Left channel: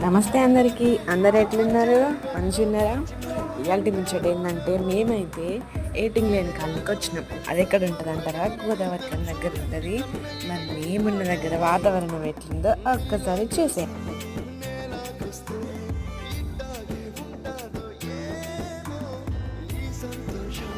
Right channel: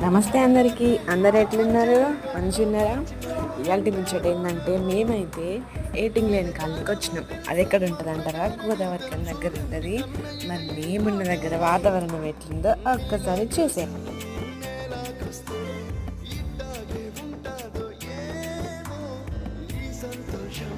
నమస్తే అందరికీ. అందరు ఎట్లున్నారు? మంచిగా ఉన్నారా? ఇవాళ ముచ్చట ఏంటంటే మేమైతే ఏటింగ్ లేని కాలనీకి వచ్చినాం. అది ఎక్కడ ఉంటుంది అంటారా? గోదావరి కాలనీ దగ్గర ఉంటుంది. మరి మేమున్న దగ్గర వాతావరణం ఎట్లుందో ఒక్కసారి చూసాం. సంతోషం